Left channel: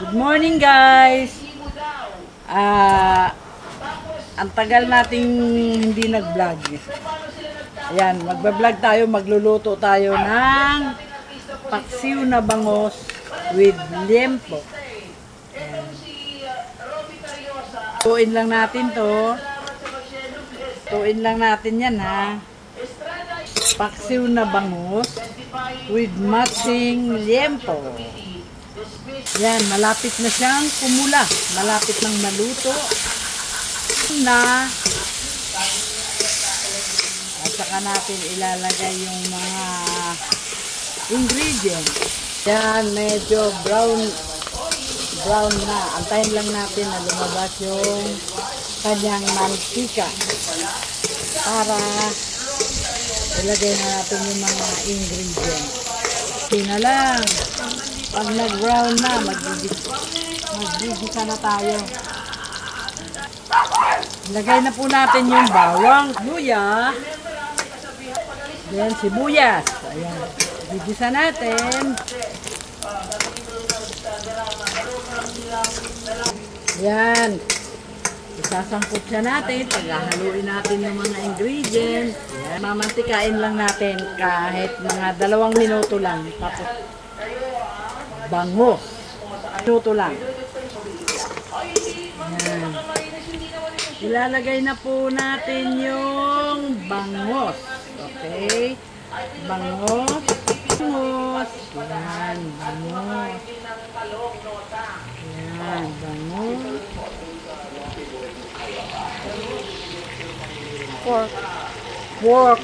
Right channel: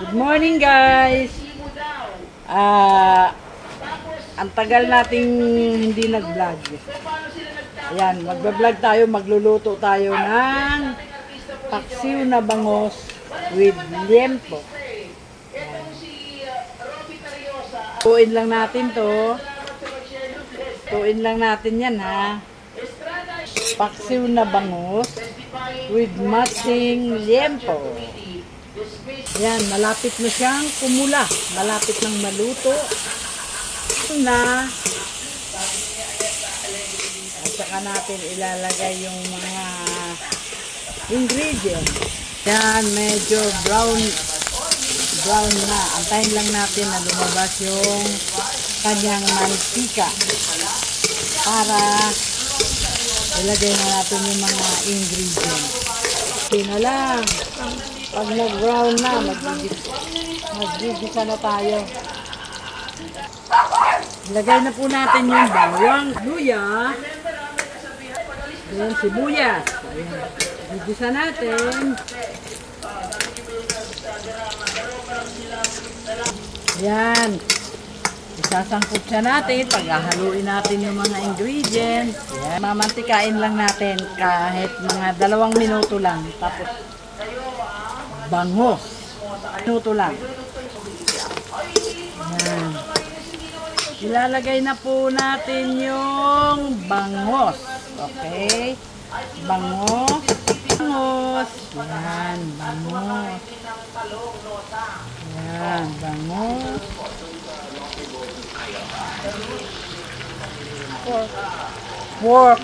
Good morning guys! Ang tagal nating hindi nag-vlog. Ayan, magba-vlog tayo, magluluto tayo ng paksiw na bangos with liempo. Tuin lang natin to. Tuin lang natin yan ha. Paksiw na bangos with matching liempo. Yan, malapit na siyang kumula. Malapit nang maluto. Na. At saka natin ilalagay yung mga ingredients. Yan, medyo brown na. Antayin lang natin na lumabas yung kanyang mantika. Para ilagay na natin yung mga ingredients. Hindi na lang. Pag nag-brown na, mag-gigisa na tayo. Ilagay na po natin yung bawang, luya, then sibuyas. Ayan. Gigisa natin. Ayan. Isasangkot siya natin. Paghahaluin natin yung mga ingredients. Ayan. Mamantikain lang natin kahit mga 2 minuto lang. Tapos bangos. Minuto lang. Ayan. Ilalagay na po natin yung bangos. Okay? Bangos. Bangos. Ayan. Bangos. Ayan. Bangos. Pork. Pork.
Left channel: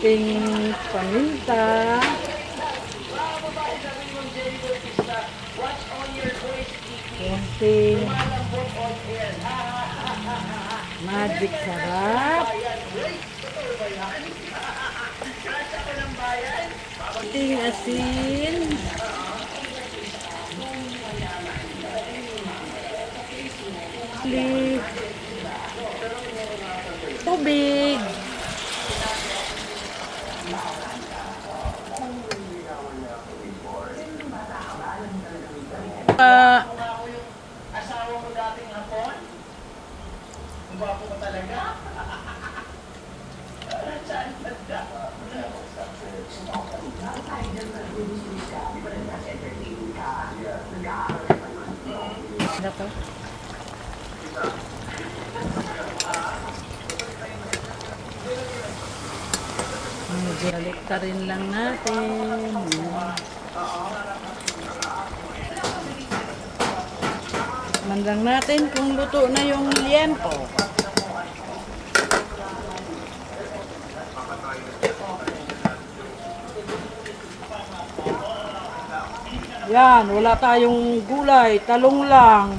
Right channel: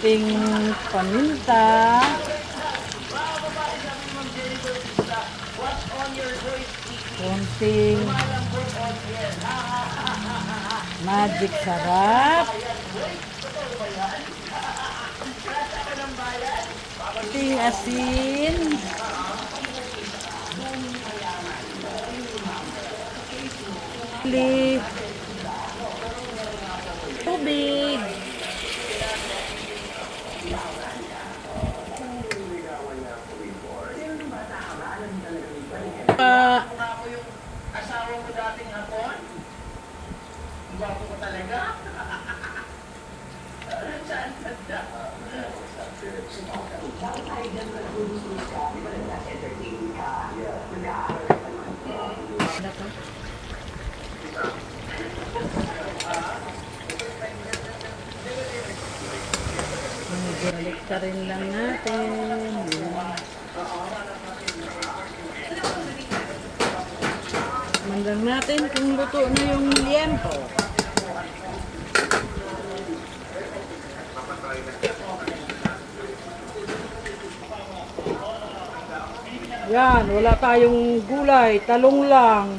Ting paminta. Ting magic sarap. Ting asin. Tubig. Asawa ko dating hapon? Ang gwapo ko talaga? Saan ganda? Balik rin lang natin. Mandang natin kung luto na yung liempo. Yan, wala tayong gulay, talong lang.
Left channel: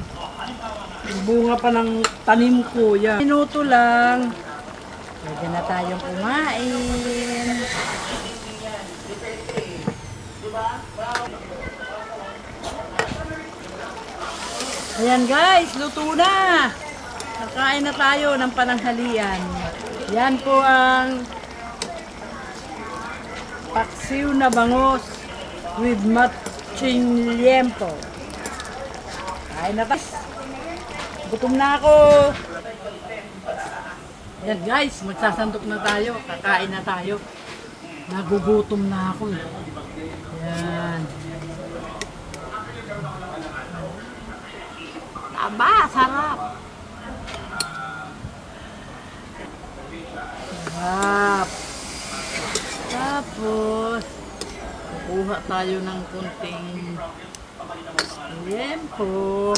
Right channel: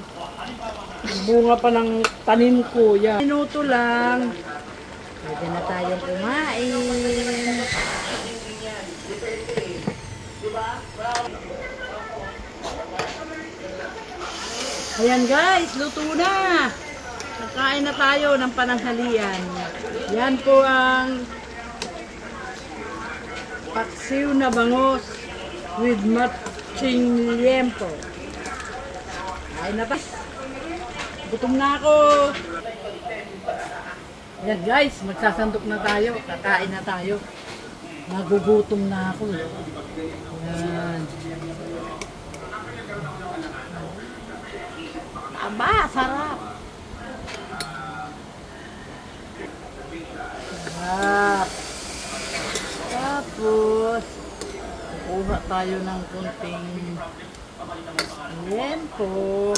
Bunga pa ng tanim ko. Yan. Minuto lang. Pwede na tayong kumain. Ayan guys, luto na. Nakain na tayo ng pananghalian. Yan po ang paksiw na bangos with matching liempo. Kain na guys. Gutom na ako. Yan guys, magsasandok na tayo. Kakain na tayo. Nagugutom na ako. Yan. Aba, sarap. Sarap. Tapos, kukuha tayo ng kunting liempo.